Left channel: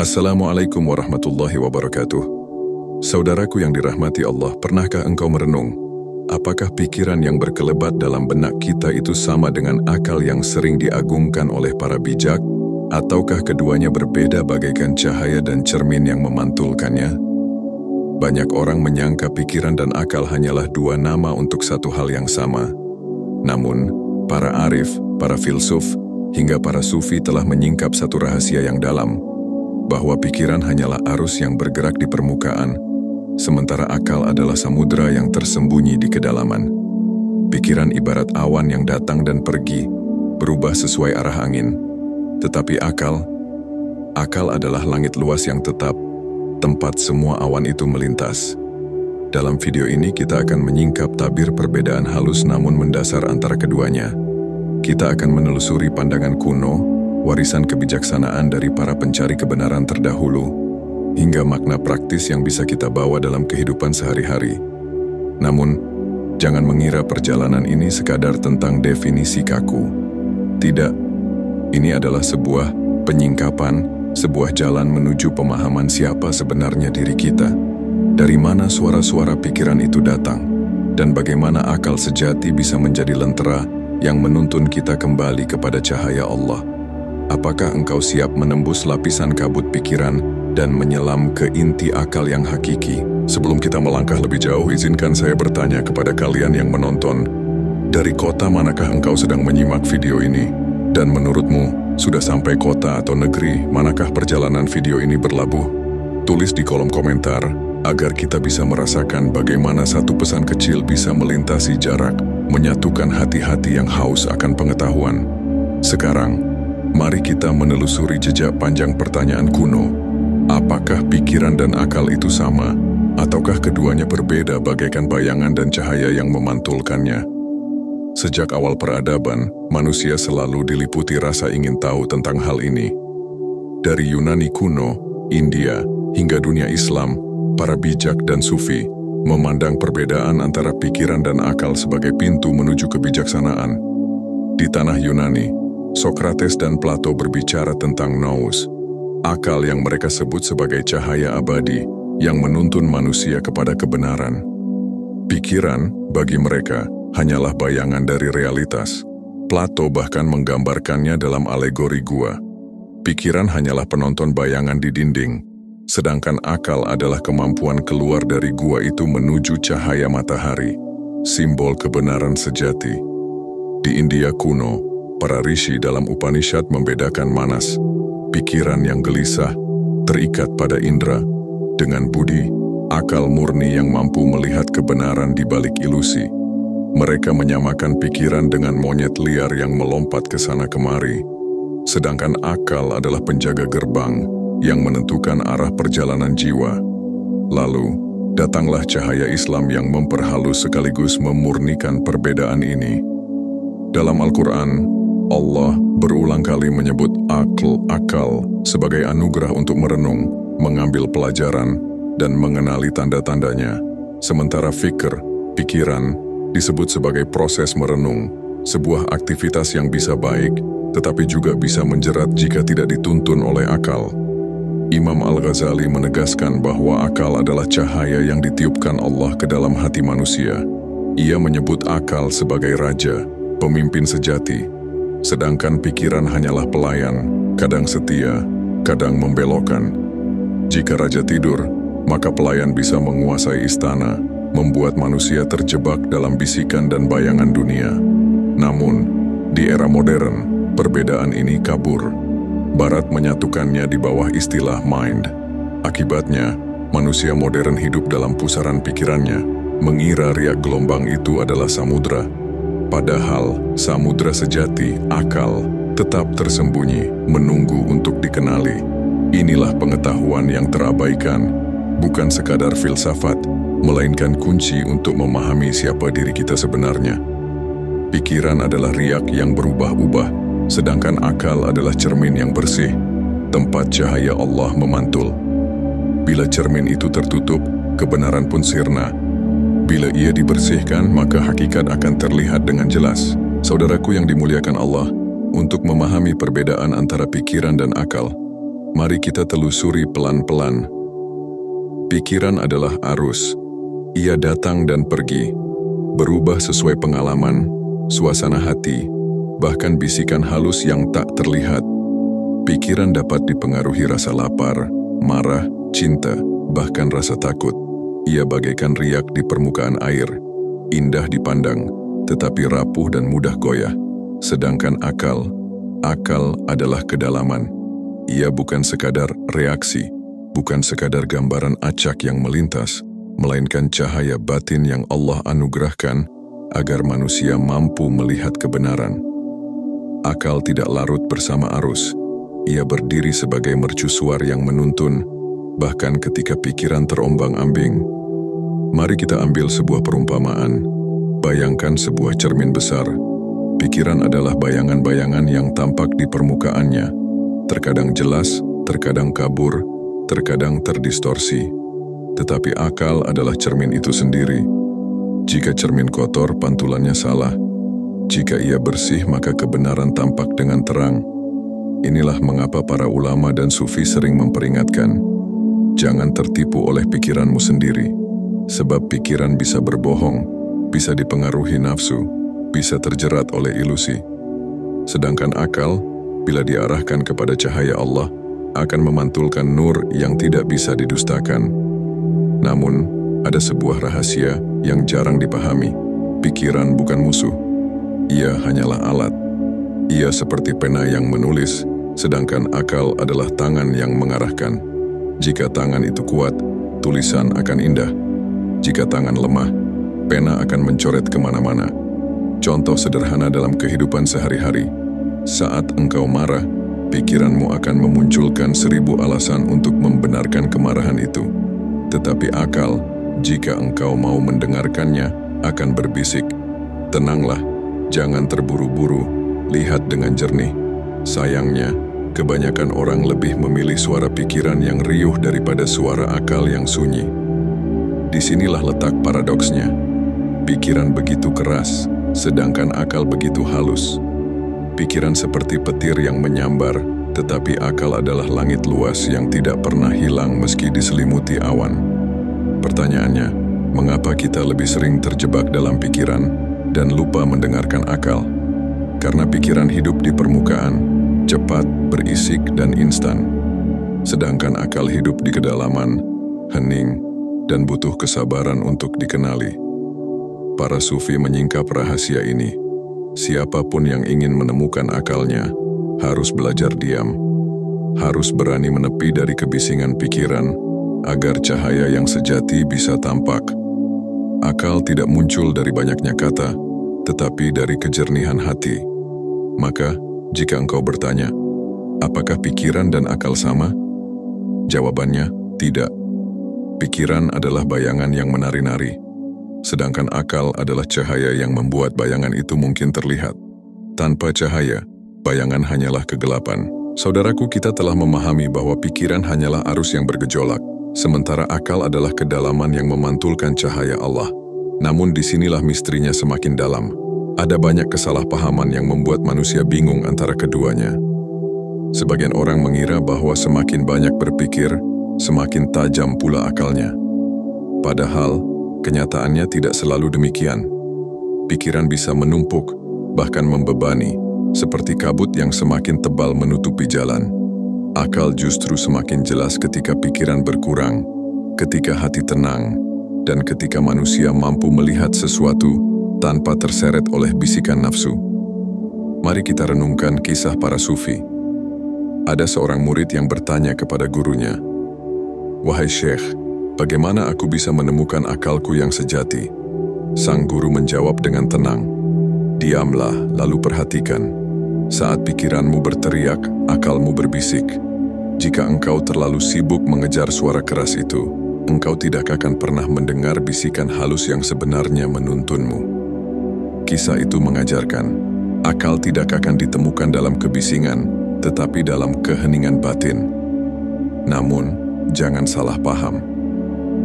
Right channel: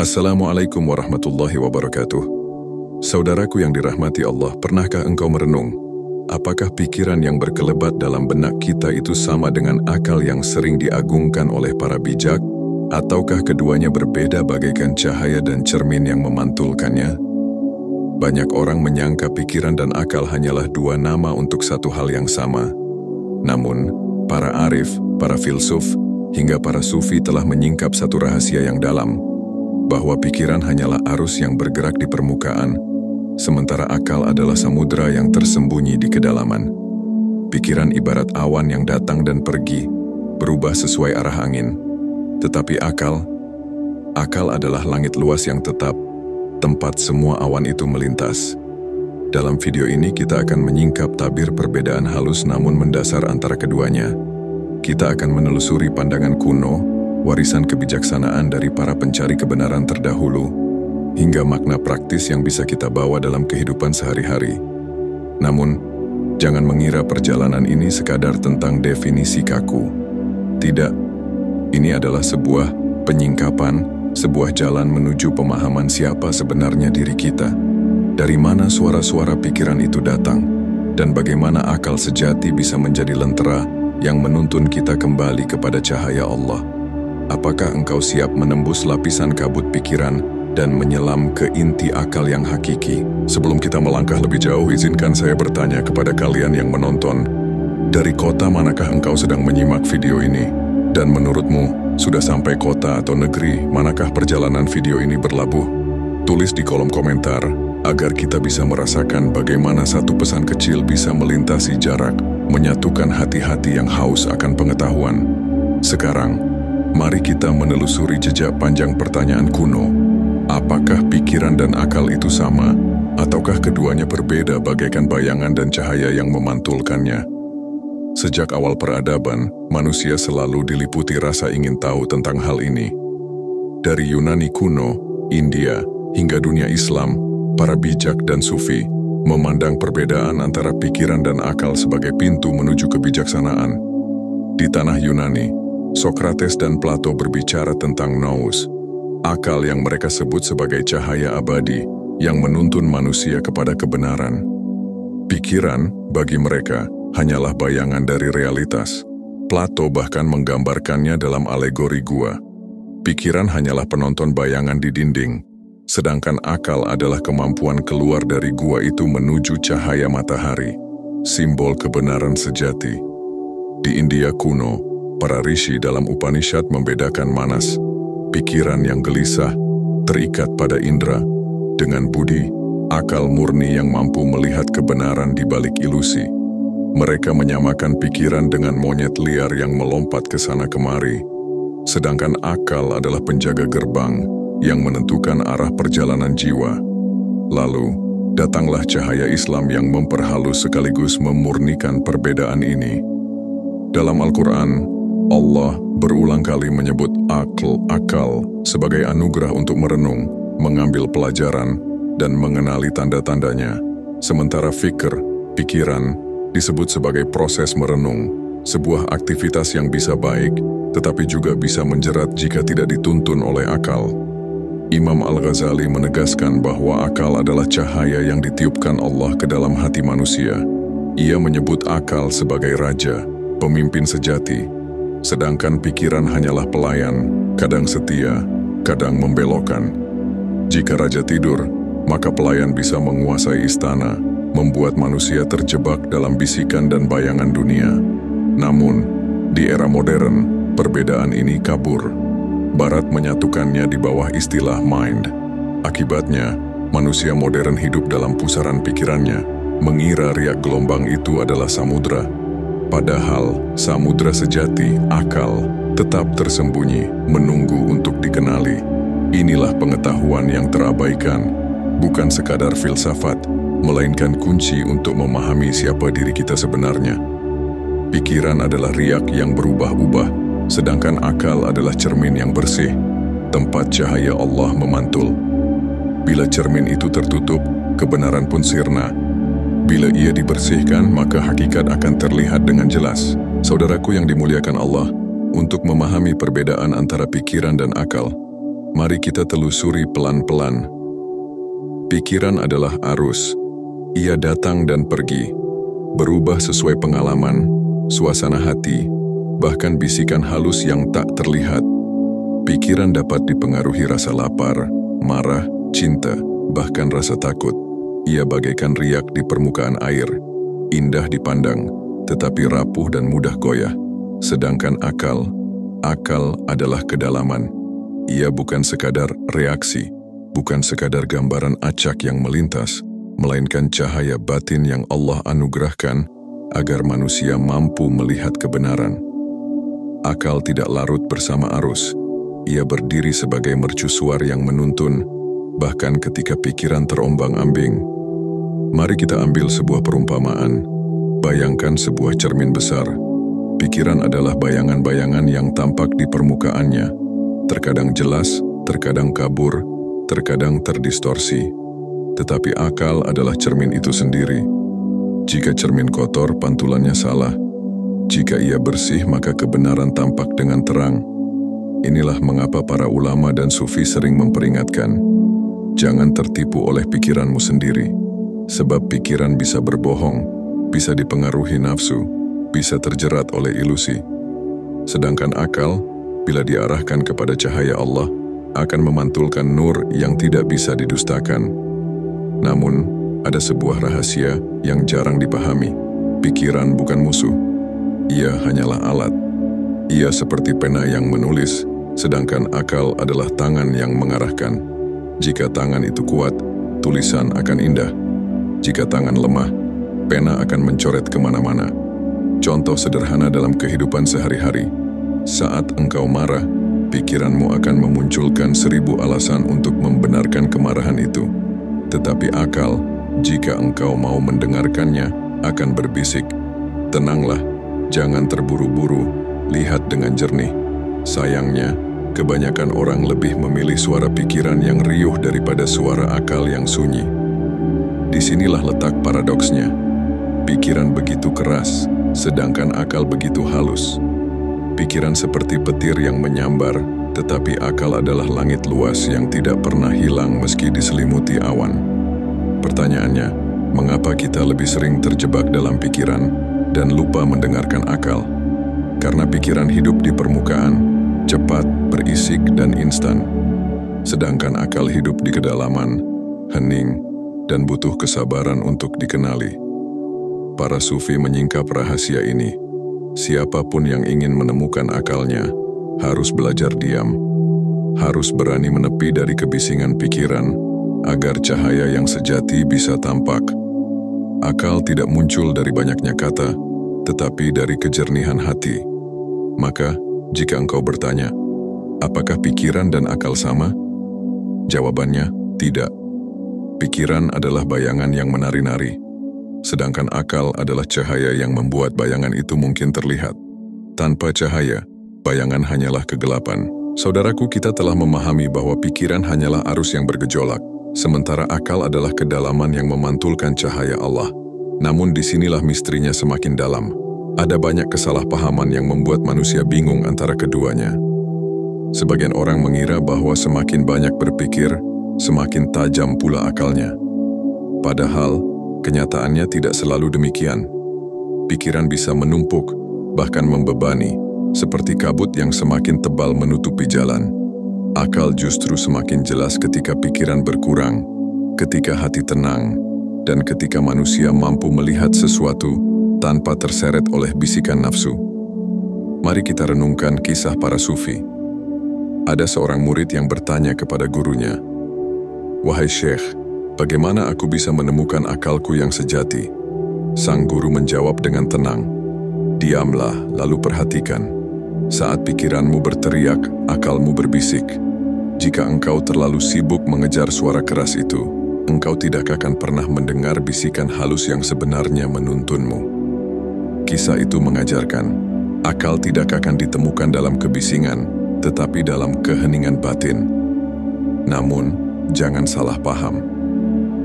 Assalamualaikum warahmatullahi wabarakatuh. Saudaraku yang dirahmati Allah, pernahkah engkau merenung? Apakah pikiran yang berkelebat dalam benak kita itu sama dengan akal yang sering diagungkan oleh para bijak? Ataukah keduanya berbeda bagaikan cahaya dan cermin yang memantulkannya? Banyak orang menyangka pikiran dan akal hanyalah dua nama untuk satu hal yang sama. Namun, para arif, para filsuf, hingga para sufi telah menyingkap satu rahasia yang dalam, bahwa pikiran hanyalah arus yang bergerak di permukaan, sementara akal adalah samudera yang tersembunyi di kedalaman. Pikiran ibarat awan yang datang dan pergi, berubah sesuai arah angin. Tetapi akal adalah langit luas yang tetap, tempat semua awan itu melintas. Dalam video ini kita akan menyingkap tabir perbedaan halus namun mendasar antara keduanya. Kita akan menelusuri pandangan kuno, warisan kebijaksanaan dari para pencari kebenaran terdahulu, hingga makna praktis yang bisa kita bawa dalam kehidupan sehari-hari. Namun, jangan mengira perjalanan ini sekadar tentang definisi kaku. Tidak, ini adalah sebuah penyingkapan, sebuah jalan menuju pemahaman siapa sebenarnya diri kita, dari mana suara-suara pikiran itu datang, dan bagaimana akal sejati bisa menjadi lentera yang menuntun kita kembali kepada cahaya Allah. Apakah engkau siap menembus lapisan kabut pikiran dan menyelam ke inti akal yang hakiki? Sebelum kita melangkah lebih jauh, izinkan saya bertanya kepada kalian yang menonton, dari kota manakah engkau sedang menyimak video ini? Dan menurutmu, sudah sampai kota atau negeri manakah perjalanan video ini berlabuh? Tulis di kolom komentar, agar kita bisa merasakan bagaimana satu pesan kecil bisa melintasi jarak, menyatukan hati-hati yang haus akan pengetahuan. Sekarang, mari kita menelusuri jejak panjang pertanyaan kuno. Apakah pikiran dan akal itu sama, ataukah keduanya berbeda bagaikan bayangan dan cahaya yang memantulkannya? Sejak awal peradaban, manusia selalu diliputi rasa ingin tahu tentang hal ini. Dari Yunani kuno, India, hingga dunia Islam, para bijak dan sufi memandang perbedaan antara pikiran dan akal sebagai pintu menuju kebijaksanaan. Di tanah Yunani, Sokrates dan Plato berbicara tentang nous, akal yang mereka sebut sebagai cahaya abadi yang menuntun manusia kepada kebenaran. Pikiran, bagi mereka, hanyalah bayangan dari realitas. Plato bahkan menggambarkannya dalam alegori gua. Pikiran hanyalah penonton bayangan di dinding, sedangkan akal adalah kemampuan keluar dari gua itu menuju cahaya matahari, simbol kebenaran sejati. Di India kuno, para rishi dalam Upanishad membedakan manas, pikiran yang gelisah, terikat pada indera, dengan budi, akal murni yang mampu melihat kebenaran di balik ilusi. Mereka menyamakan pikiran dengan monyet liar yang melompat ke sana kemari, sedangkan akal adalah penjaga gerbang yang menentukan arah perjalanan jiwa. Lalu, datanglah cahaya Islam yang memperhalus sekaligus memurnikan perbedaan ini. Dalam Al-Quran, Allah berulang kali menyebut akal sebagai anugerah untuk merenung, mengambil pelajaran, dan mengenali tanda-tandanya. Sementara fikr, pikiran, disebut sebagai proses merenung, sebuah aktivitas yang bisa baik, tetapi juga bisa menjerat jika tidak dituntun oleh akal. Imam Al-Ghazali menegaskan bahwa akal adalah cahaya yang ditiupkan Allah ke dalam hati manusia. Ia menyebut akal sebagai raja, pemimpin sejati, sedangkan pikiran hanyalah pelayan, kadang setia, kadang membelokkan. Jika raja tidur, maka pelayan bisa menguasai istana, membuat manusia terjebak dalam bisikan dan bayangan dunia. Namun, di era modern, perbedaan ini kabur. Barat menyatukannya di bawah istilah mind. Akibatnya, manusia modern hidup dalam pusaran pikirannya, mengira riak gelombang itu adalah samudra. Padahal, samudra sejati, akal, tetap tersembunyi, menunggu untuk dikenali. Inilah pengetahuan yang terabaikan, bukan sekadar filsafat, melainkan kunci untuk memahami siapa diri kita sebenarnya. Pikiran adalah riak yang berubah-ubah, sedangkan akal adalah cermin yang bersih, tempat cahaya Allah memantul. Bila cermin itu tertutup, kebenaran pun sirna. Bila ia dibersihkan, maka hakikat akan terlihat dengan jelas. Saudaraku yang dimuliakan Allah, untuk memahami perbedaan antara pikiran dan akal, Mari kita telusuri pelan-pelan. Pikiran adalah arus. Ia datang dan pergi, berubah sesuai pengalaman, suasana hati, bahkan bisikan halus yang tak terlihat. Pikiran dapat dipengaruhi rasa lapar, marah, cinta, bahkan rasa takut. Ia bagaikan riak di permukaan air, indah dipandang, tetapi rapuh dan mudah goyah. Sedangkan akal adalah kedalaman. Ia bukan sekadar reaksi, bukan sekadar gambaran acak yang melintas, melainkan cahaya batin yang Allah anugerahkan agar manusia mampu melihat kebenaran. Akal tidak larut bersama arus. Ia berdiri sebagai mercusuar yang menuntun, bahkan ketika pikiran terombang-ambing. Mari kita ambil sebuah perumpamaan. Bayangkan sebuah cermin besar. Pikiran adalah bayangan-bayangan yang tampak di permukaannya. Terkadang jelas, terkadang kabur, terkadang terdistorsi. Tetapi akal adalah cermin itu sendiri. Jika cermin kotor, pantulannya salah. Jika ia bersih, maka kebenaran tampak dengan terang. Inilah mengapa para ulama dan sufi sering memperingatkan, jangan tertipu oleh pikiranmu sendiri, sebab pikiran bisa berbohong, bisa dipengaruhi nafsu, bisa terjerat oleh ilusi. Sedangkan akal, bila diarahkan kepada cahaya Allah, akan memantulkan nur yang tidak bisa didustakan. Namun, ada sebuah rahasia yang jarang dipahami. Pikiran bukan musuh. Ia hanyalah alat. Ia seperti pena yang menulis, sedangkan akal adalah tangan yang mengarahkan. Jika tangan itu kuat, tulisan akan indah. Jika tangan lemah, pena akan mencoret kemana-mana. Contoh sederhana dalam kehidupan sehari-hari. Saat engkau marah, pikiranmu akan memunculkan 1000 alasan untuk membenarkan kemarahan itu. Tetapi akal, jika engkau mau mendengarkannya, akan berbisik, tenanglah, jangan terburu-buru, lihat dengan jernih. Sayangnya, kebanyakan orang lebih memilih suara pikiran yang riuh daripada suara akal yang sunyi. Disinilah letak paradoksnya. Pikiran begitu keras, sedangkan akal begitu halus. Pikiran seperti petir yang menyambar, tetapi akal adalah langit luas yang tidak pernah hilang meski diselimuti awan. Pertanyaannya, mengapa kita lebih sering terjebak dalam pikiran dan lupa mendengarkan akal? Karena pikiran hidup di permukaan, cepat, berisik, dan instan. Sedangkan akal hidup di kedalaman, hening, dan butuh kesabaran untuk dikenali. Para sufi menyingkap rahasia ini. Siapapun yang ingin menemukan akalnya, harus belajar diam. Harus berani menepi dari kebisingan pikiran, agar cahaya yang sejati bisa tampak. Akal tidak muncul dari banyaknya kata, tetapi dari kejernihan hati. Maka, jika engkau bertanya, apakah pikiran dan akal sama? Jawabannya, tidak. Pikiran adalah bayangan yang menari-nari, sedangkan akal adalah cahaya yang membuat bayangan itu mungkin terlihat. Tanpa cahaya, bayangan hanyalah kegelapan. Saudaraku, kita telah memahami bahwa pikiran hanyalah arus yang bergejolak, sementara akal adalah kedalaman yang memantulkan cahaya Allah. Namun disinilah misterinya semakin dalam. Ada banyak kesalahpahaman yang membuat manusia bingung antara keduanya. Sebagian orang mengira bahwa semakin banyak berpikir, semakin tajam pula akalnya. Padahal, kenyataannya tidak selalu demikian. Pikiran bisa menumpuk, bahkan membebani, seperti kabut yang semakin tebal menutupi jalan. Akal justru semakin jelas ketika pikiran berkurang, ketika hati tenang, dan ketika manusia mampu melihat sesuatu tanpa terseret oleh bisikan nafsu. Mari kita renungkan kisah para sufi. Ada seorang murid yang bertanya kepada gurunya, "Wahai Syekh, bagaimana aku bisa menemukan akalku yang sejati?" Sang guru menjawab dengan tenang, "Diamlah, lalu perhatikan. Saat pikiranmu berteriak, akalmu berbisik. Jika engkau terlalu sibuk mengejar suara keras itu, engkau tidak akan pernah mendengar bisikan halus yang sebenarnya menuntunmu." Kisah itu mengajarkan, akal tidak akan ditemukan dalam kebisingan, tetapi dalam keheningan batin. Namun, jangan salah paham.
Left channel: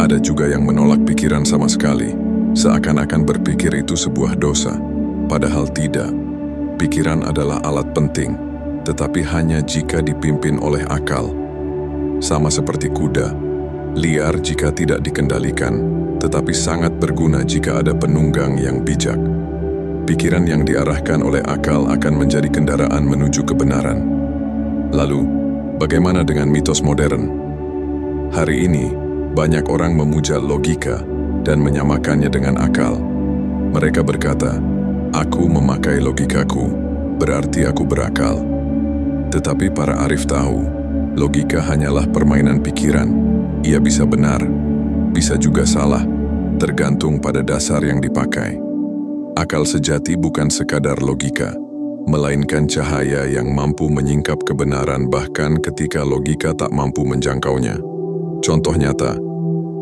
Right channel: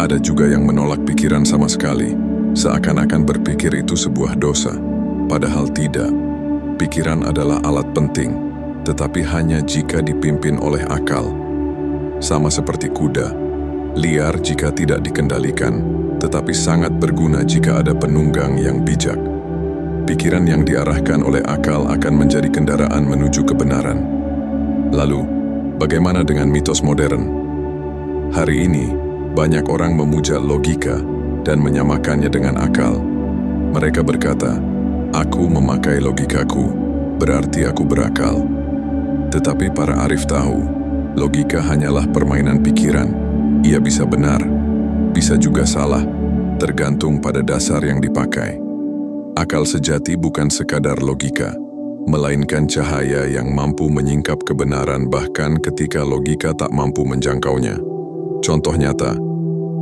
Ada juga yang menolak pikiran sama sekali, seakan-akan berpikir itu sebuah dosa. Padahal tidak. Pikiran adalah alat penting, tetapi hanya jika dipimpin oleh akal, Sama seperti kuda, liar jika tidak dikendalikan, tetapi sangat berguna jika ada penunggang yang bijak. Pikiran yang diarahkan oleh akal akan menjadi kendaraan menuju kebenaran. Lalu, bagaimana dengan mitos modern? Hari ini, banyak orang memuja logika dan menyamakannya dengan akal. Mereka berkata, "Aku memakai logikaku, berarti aku berakal." Tetapi para arif tahu, logika hanyalah permainan pikiran. Ia bisa benar, bisa juga salah, tergantung pada dasar yang dipakai. Akal sejati bukan sekadar logika, melainkan cahaya yang mampu menyingkap kebenaran bahkan ketika logika tak mampu menjangkaunya. Contoh nyata,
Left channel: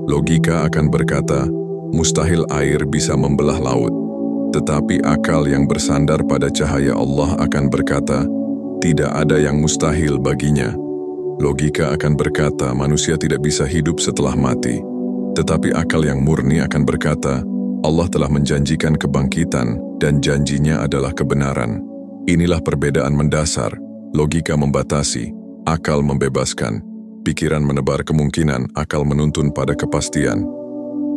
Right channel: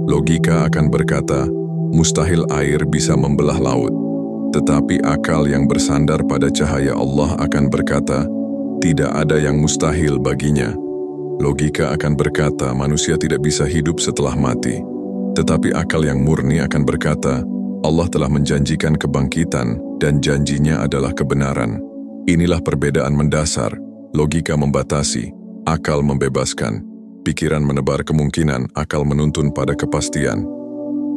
logika akan berkata, mustahil air bisa membelah laut. Tetapi akal yang bersandar pada cahaya Allah akan berkata, tidak ada yang mustahil baginya. Logika akan berkata manusia tidak bisa hidup setelah mati. Tetapi akal yang murni akan berkata, Allah telah menjanjikan kebangkitan dan janjinya adalah kebenaran. Inilah perbedaan mendasar, logika membatasi, akal membebaskan, pikiran menebar kemungkinan, akal menuntun pada kepastian.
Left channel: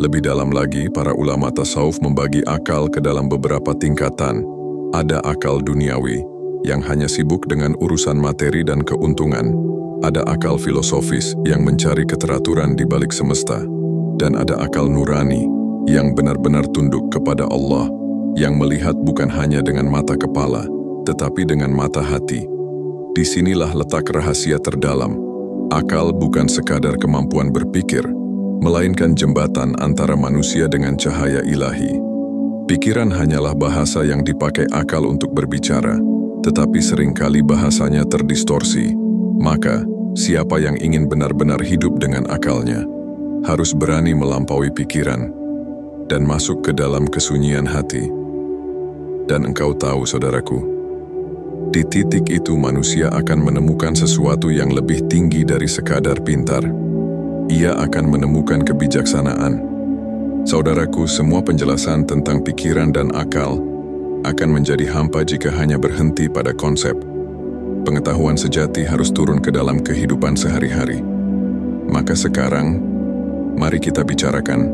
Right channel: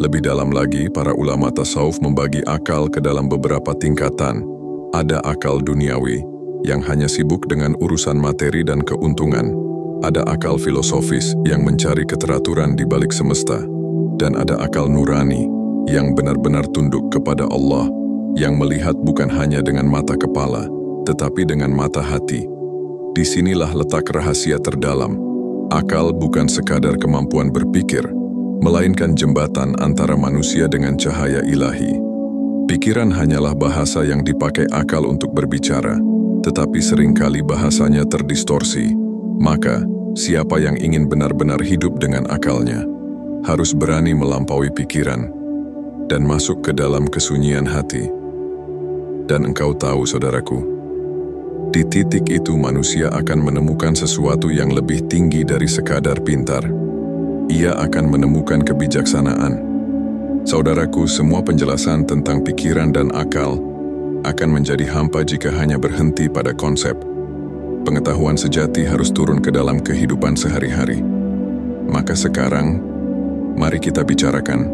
Lebih dalam lagi, para ulama tasawuf membagi akal ke dalam beberapa tingkatan. Ada akal duniawi, yang hanya sibuk dengan urusan materi dan keuntungan. Ada akal filosofis yang mencari keteraturan di balik semesta. Dan ada akal nurani yang benar-benar tunduk kepada Allah, yang melihat bukan hanya dengan mata kepala, tetapi dengan mata hati. Disinilah letak rahasia terdalam. Akal bukan sekadar kemampuan berpikir, melainkan jembatan antara manusia dengan cahaya ilahi. Pikiran hanyalah bahasa yang dipakai akal untuk berbicara, tetapi seringkali bahasanya terdistorsi. Maka, siapa yang ingin benar-benar hidup dengan akalnya, harus berani melampaui pikiran dan masuk ke dalam kesunyian hati. Dan engkau tahu, saudaraku, di titik itu manusia akan menemukan sesuatu yang lebih tinggi dari sekadar pintar. Ia akan menemukan kebijaksanaan. Saudaraku, semua penjelasan tentang pikiran dan akal akan menjadi hampa jika hanya berhenti pada konsep. Pengetahuan sejati harus turun ke dalam kehidupan sehari-hari. Maka sekarang, mari kita bicarakan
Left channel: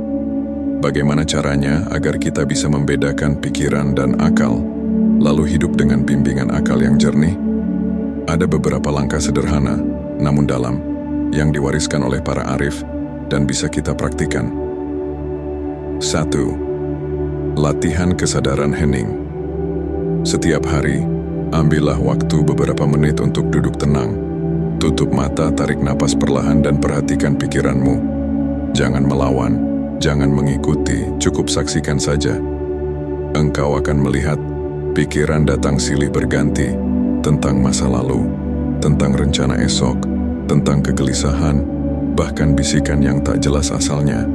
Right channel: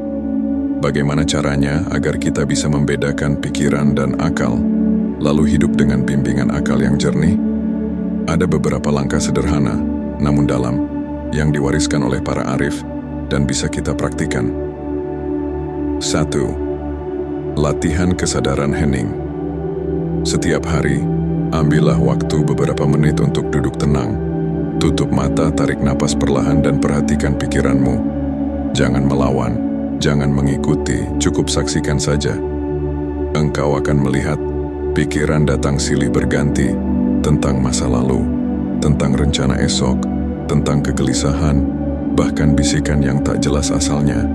bagaimana caranya agar kita bisa membedakan pikiran dan akal, lalu hidup dengan bimbingan akal yang jernih. Ada beberapa langkah sederhana, namun dalam, yang diwariskan oleh para arif dan bisa kita praktikan. 1. Latihan kesadaran hening. Setiap hari, ambillah waktu beberapa menit untuk duduk tenang. Tutup mata, tarik napas perlahan dan perhatikan pikiranmu. Jangan melawan, jangan mengikuti, cukup saksikan saja. Engkau akan melihat pikiran datang silih berganti tentang masa lalu, tentang rencana esok, tentang kegelisahan, bahkan bisikan yang tak jelas asalnya.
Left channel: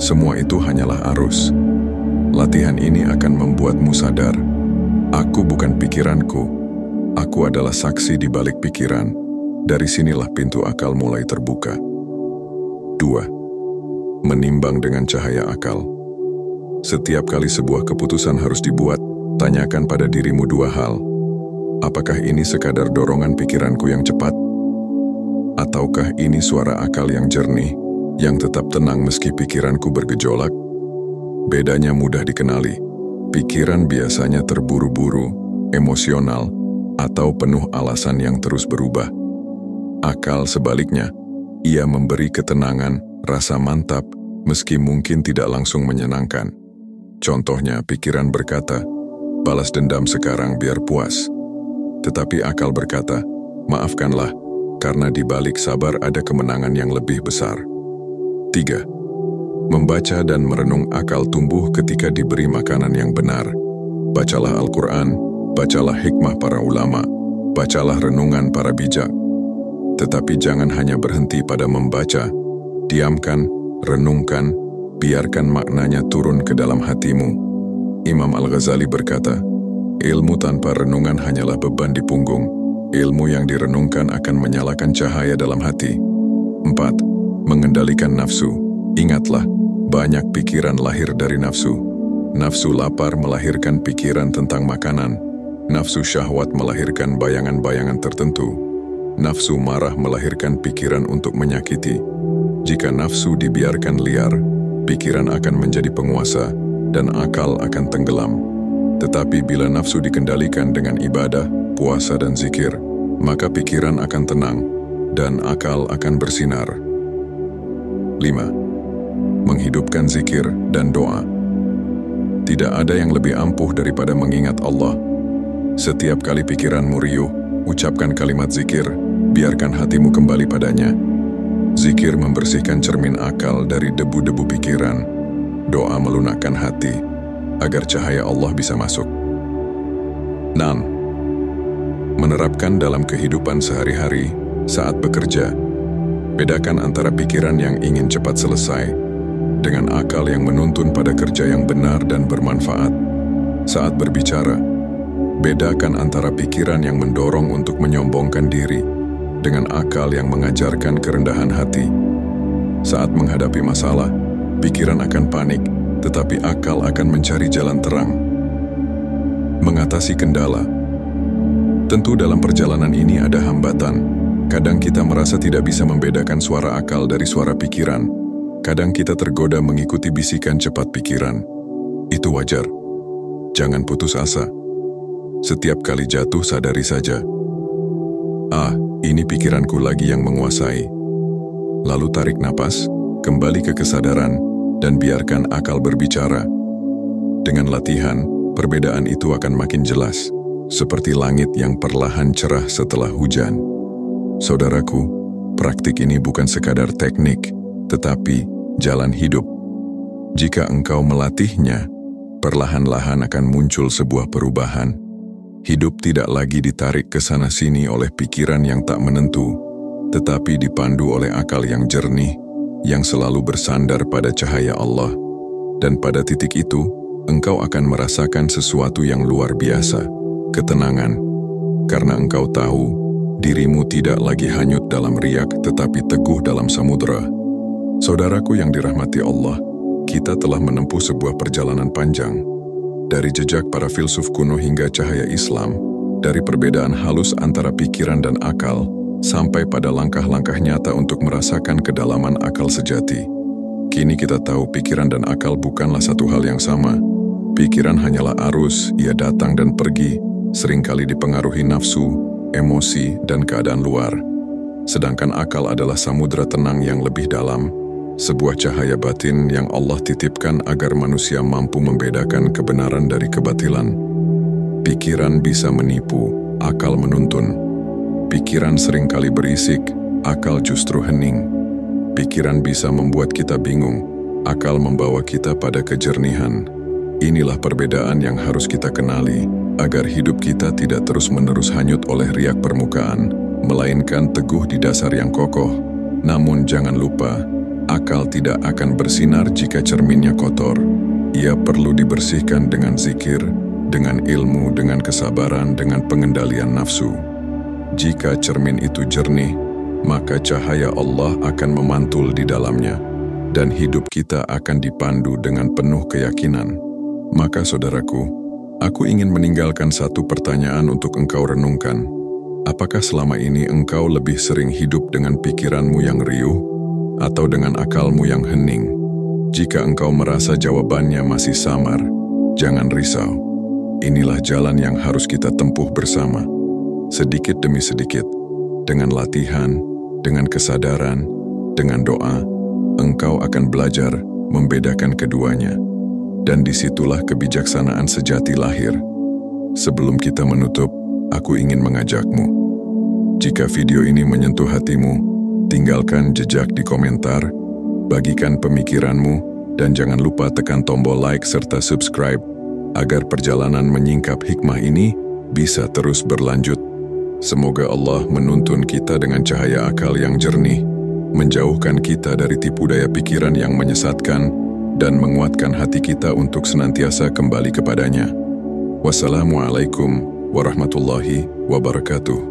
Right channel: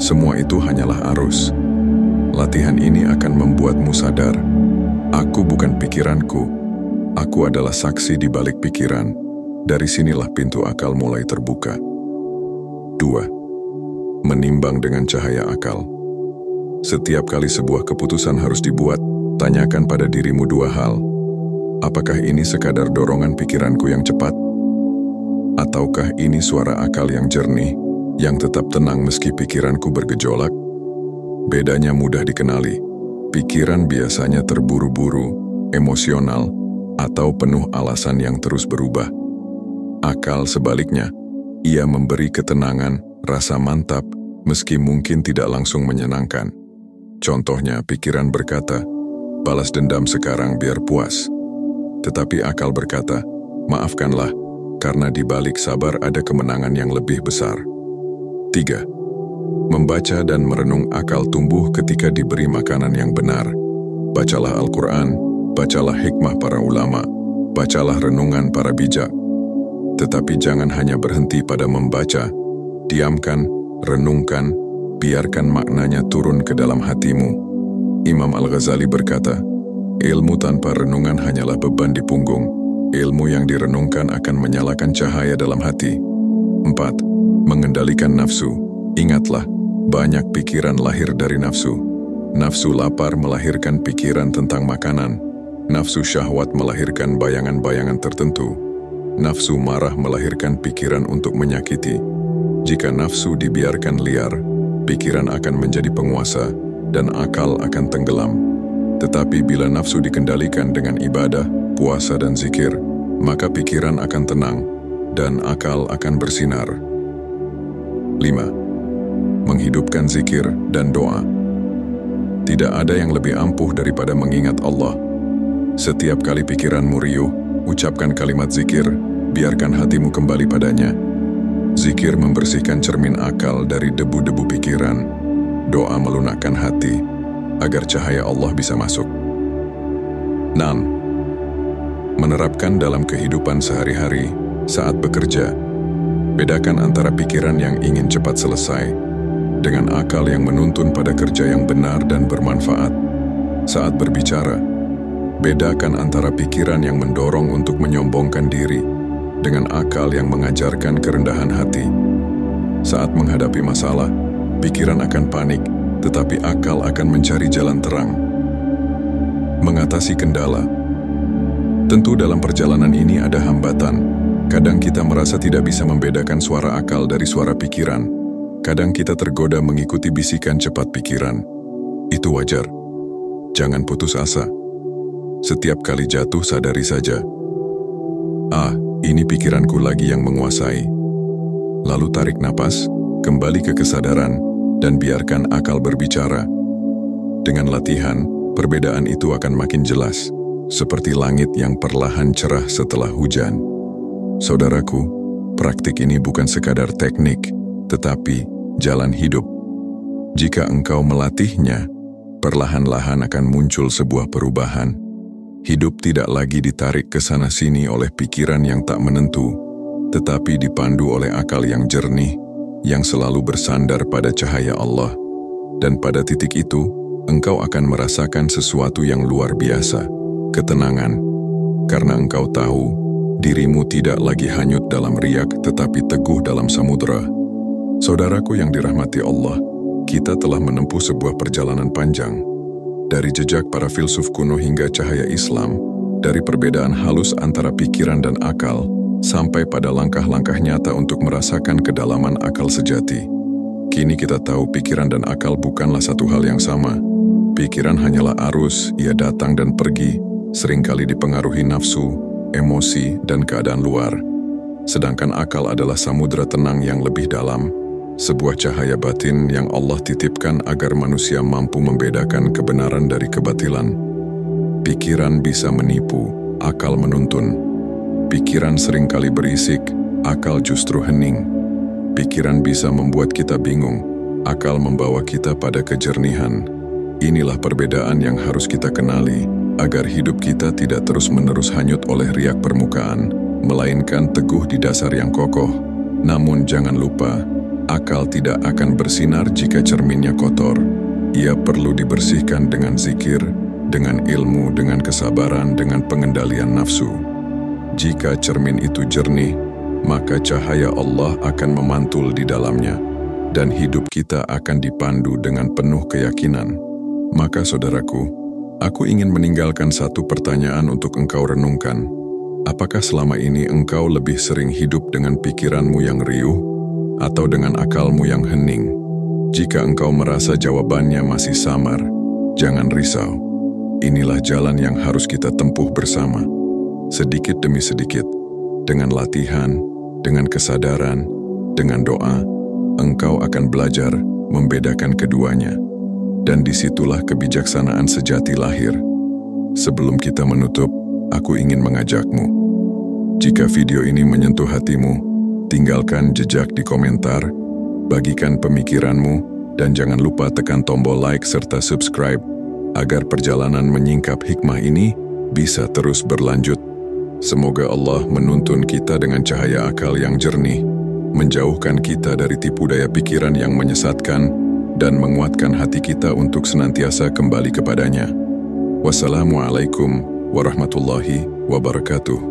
Semua itu hanyalah arus. Latihan ini akan membuatmu sadar, aku bukan pikiranku, aku adalah saksi di balik pikiran. Dari sinilah pintu akal mulai terbuka. 2. Menimbang dengan cahaya akal. Setiap kali sebuah keputusan harus dibuat, tanyakan pada dirimu dua hal. Apakah ini sekadar dorongan pikiranku yang cepat? Ataukah ini suara akal yang jernih, yang tetap tenang meski pikiranku bergejolak? Bedanya mudah dikenali. Pikiran biasanya terburu-buru, emosional, atau penuh alasan yang terus berubah. Akal sebaliknya, ia memberi ketenangan, rasa mantap, meski mungkin tidak langsung menyenangkan. Contohnya, pikiran berkata, balas dendam sekarang biar puas. Tetapi akal berkata, maafkanlah, karena di balik sabar ada kemenangan yang lebih besar. 3. Membaca dan merenung akal tumbuh ketika diberi makanan yang benar. Bacalah Al-Quran, bacalah hikmah para ulama, bacalah renungan para bijak. Tetapi jangan hanya berhenti pada membaca, diamkan, renungkan, biarkan maknanya turun ke dalam hatimu. Imam Al-Ghazali berkata, ilmu tanpa renungan hanyalah beban di punggung. Ilmu yang direnungkan akan menyalakan cahaya dalam hati. 4. Mengendalikan nafsu. Ingatlah, banyak pikiran lahir dari nafsu. Nafsu lapar melahirkan pikiran tentang makanan. Nafsu syahwat melahirkan bayangan-bayangan tertentu. nafsu marah melahirkan pikiran untuk menyakiti. Jika nafsu dibiarkan liar, pikiran akan menjadi penguasa dan akal akan tenggelam. Tetapi bila nafsu dikendalikan dengan ibadah, puasa dan zikir, maka pikiran akan tenang dan akal akan bersinar. 5. Menghidupkan zikir dan doa. Tidak ada yang lebih ampuh daripada mengingat Allah. Setiap kali pikiranmu riuh, ucapkan kalimat zikir, biarkan hatimu kembali padanya. Zikir membersihkan cermin akal dari debu-debu pikiran. Doa melunakkan hati, agar cahaya Allah bisa masuk. 6. Menerapkan dalam kehidupan sehari-hari saat bekerja. Bedakan antara pikiran yang ingin cepat selesai dengan akal yang menuntun pada kerja yang benar dan bermanfaat. Saat berbicara, bedakan antara pikiran yang mendorong untuk menyombongkan diri dengan akal yang mengajarkan kerendahan hati. Saat menghadapi masalah, pikiran akan panik, tetapi akal akan mencari jalan terang. Mengatasi kendala. Tentu dalam perjalanan ini ada hambatan. Kadang kita merasa tidak bisa membedakan suara akal dari suara pikiran. Kadang kita tergoda mengikuti bisikan cepat pikiran. Itu wajar. Jangan putus asa. Setiap kali jatuh sadari saja. Ini pikiranku lagi yang menguasai. Lalu tarik napas, kembali ke kesadaran, dan biarkan akal berbicara. Dengan latihan, perbedaan itu akan makin jelas, seperti langit yang perlahan cerah setelah hujan. Saudaraku, praktik ini bukan sekadar teknik, tetapi jalan hidup. Jika engkau melatihnya, perlahan-lahan akan muncul sebuah perubahan. Hidup tidak lagi ditarik ke sana-sini oleh pikiran yang tak menentu, tetapi dipandu oleh akal yang jernih, yang selalu bersandar pada cahaya Allah. Dan pada titik itu, engkau akan merasakan sesuatu yang luar biasa, ketenangan, karena engkau tahu dirimu tidak lagi hanyut dalam riak tetapi teguh dalam samudera. Saudaraku yang dirahmati Allah, kita telah menempuh sebuah perjalanan panjang. Dari jejak para filsuf kuno hingga cahaya Islam, dari perbedaan halus antara pikiran dan akal, sampai pada langkah-langkah nyata untuk merasakan kedalaman akal sejati. Kini kita tahu pikiran dan akal bukanlah satu hal yang sama. Pikiran hanyalah arus, ia datang dan pergi, seringkali dipengaruhi nafsu, emosi, dan keadaan luar. Sedangkan akal adalah samudera tenang yang lebih dalam, sebuah cahaya batin yang Allah titipkan agar manusia mampu membedakan kebenaran dari kebatilan. Pikiran bisa menipu, akal menuntun. Pikiran seringkali berisik, akal justru hening. Pikiran bisa membuat kita bingung, akal membawa kita pada kejernihan. Inilah perbedaan yang harus kita kenali, agar hidup kita tidak terus-menerus hanyut oleh riak permukaan, melainkan teguh di dasar yang kokoh. Namun jangan lupa, akal tidak akan bersinar jika cerminnya kotor. Ia perlu dibersihkan dengan zikir, dengan ilmu, dengan kesabaran, dengan pengendalian nafsu. Jika cermin itu jernih, maka cahaya Allah akan memantul di dalamnya, dan hidup kita akan dipandu dengan penuh keyakinan. Maka saudaraku, aku ingin meninggalkan satu pertanyaan untuk engkau renungkan. Apakah selama ini engkau lebih sering hidup dengan pikiranmu yang riuh atau dengan akalmu yang hening? Jika engkau merasa jawabannya masih samar, jangan risau. Inilah jalan yang harus kita tempuh bersama. Sedikit demi sedikit, dengan latihan, dengan kesadaran, dengan doa, engkau akan belajar membedakan keduanya. Dan disitulah kebijaksanaan sejati lahir. Sebelum kita menutup, aku ingin mengajakmu. Jika video ini menyentuh hatimu, tinggalkan jejak di komentar, bagikan pemikiranmu, dan jangan lupa tekan tombol like serta subscribe, agar perjalanan menyingkap hikmah ini bisa terus berlanjut. Semoga Allah menuntun kita dengan cahaya akal yang jernih, menjauhkan kita dari tipu daya pikiran yang menyesatkan, dan menguatkan hati kita untuk senantiasa kembali kepadanya. Wassalamualaikum warahmatullahi wabarakatuh.